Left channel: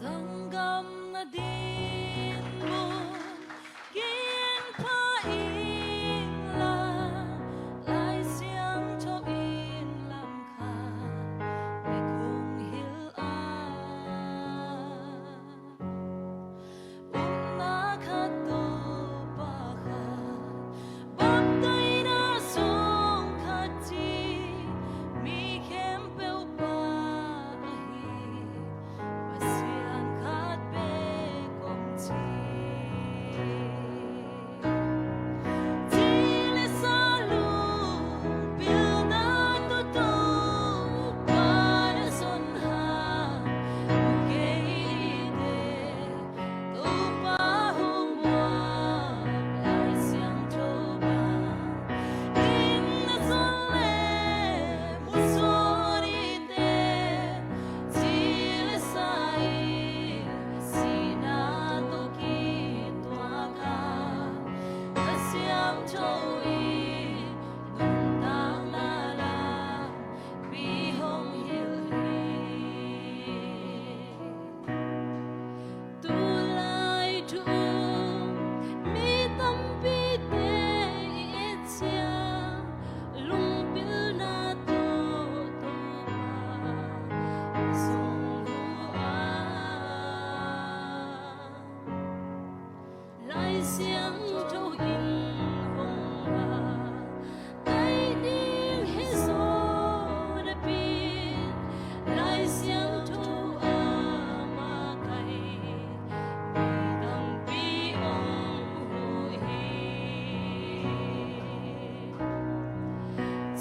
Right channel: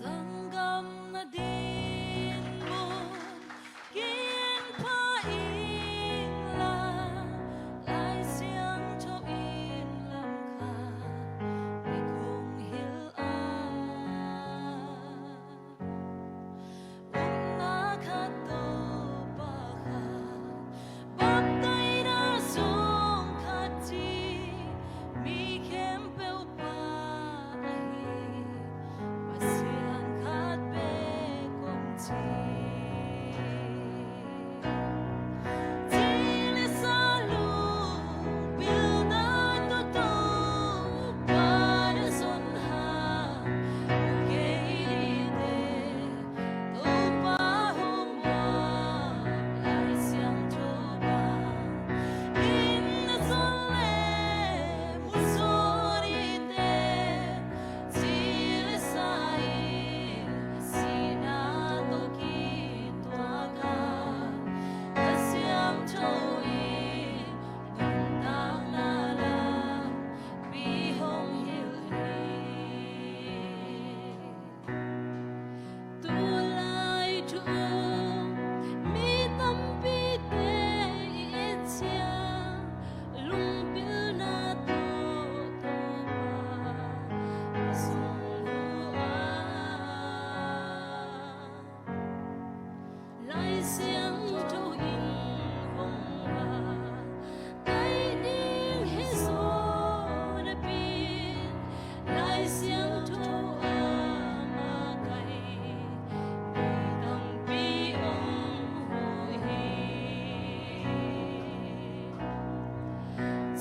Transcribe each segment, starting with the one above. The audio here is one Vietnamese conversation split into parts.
Sanggam na din mo kiên là lại xiang cho yên làm khá để không hiểu na khát tô ba khát bắp tay đã xuống khát chi mi khem bêu ba xiang trâu in hồng hoa cây điên hết gió đã pin lại xiang trâu mà cây vì đằng pi ông hồi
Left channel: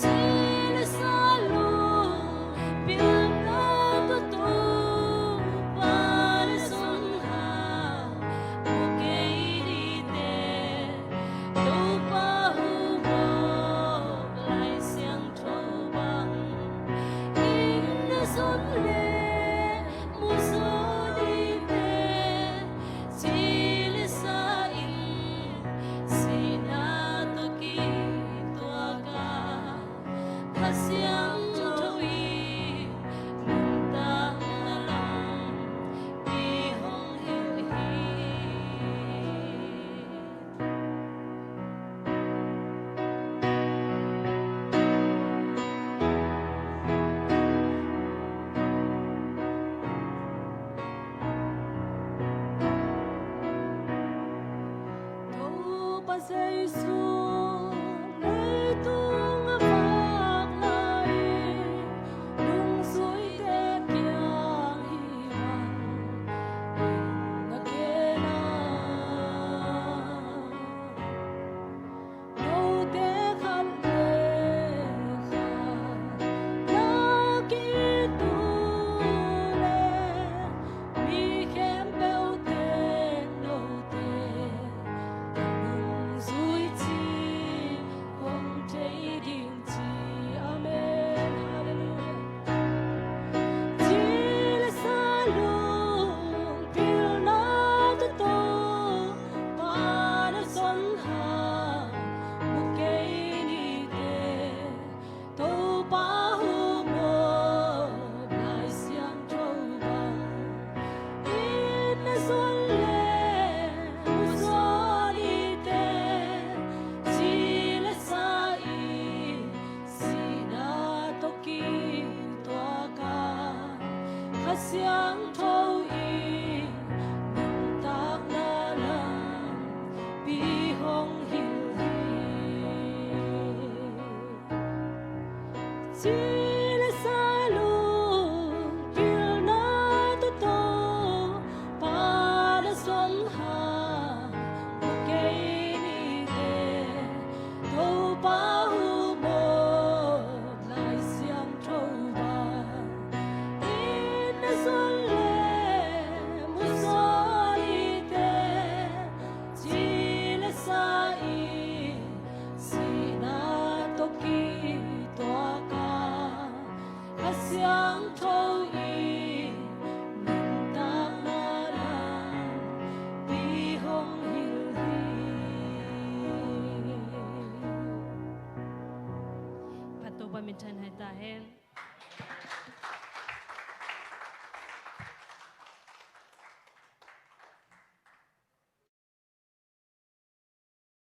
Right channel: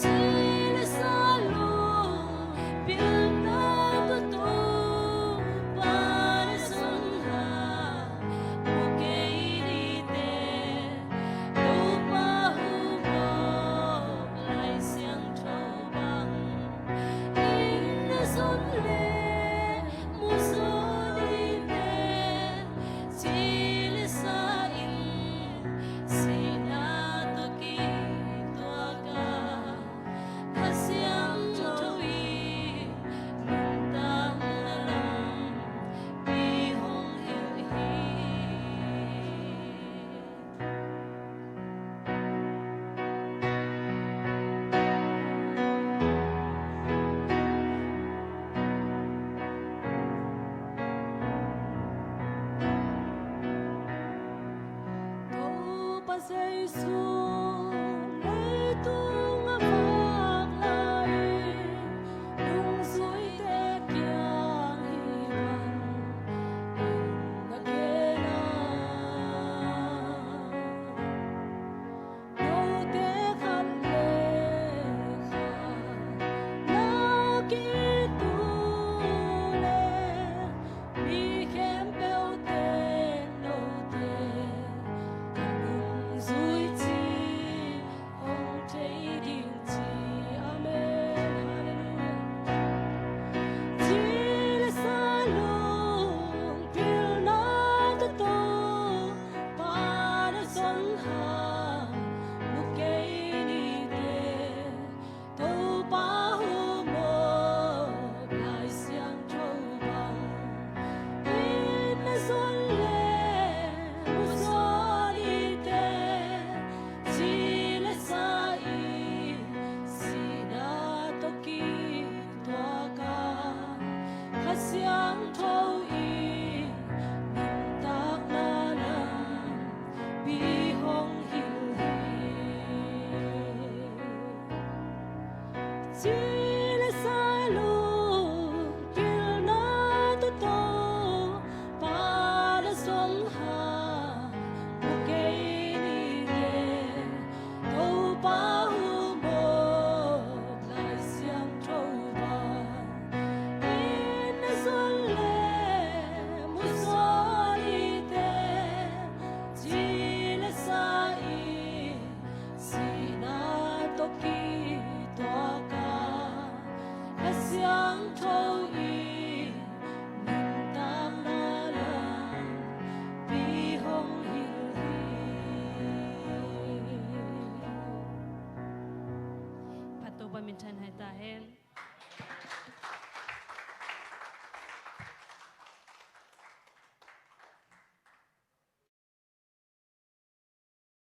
chỉ là xa luôn biển đã có tô ba để xuân hà một cây xuân lệ mùa gió đi về chỉ là xa in chỉ na to ki tua ca khát xiang trâu y nung ta la lòng bi hong hi ba giây xua lấy tung vác lại lung suối té kiang hi bằng na kia na nô té khát lệ kha na ki tu lệ mi khem bêu te nô te Zui chi hong thấy đình chi amen hallelujah chỉ là xa luôn phiêu na to to ba đã xuân hà một cây đi tê tô ba hu mơ lại xiang trâu bằng in là xuân lệ một gió đi tê khát xiang trâu y nung tác na lòng bi hong hiểu chỉ là xa luôn kiều na to to ba đã xuân hà một cây đi tê đâu ba hu mơ lại xiang trâu ba xuân lệ mùa gió đi tê chỉ là xa y xì na to ki toa ca khát xiang trâu y nung tác na lang bi hong hiểu hi. Pato ba mintan hai ta hen.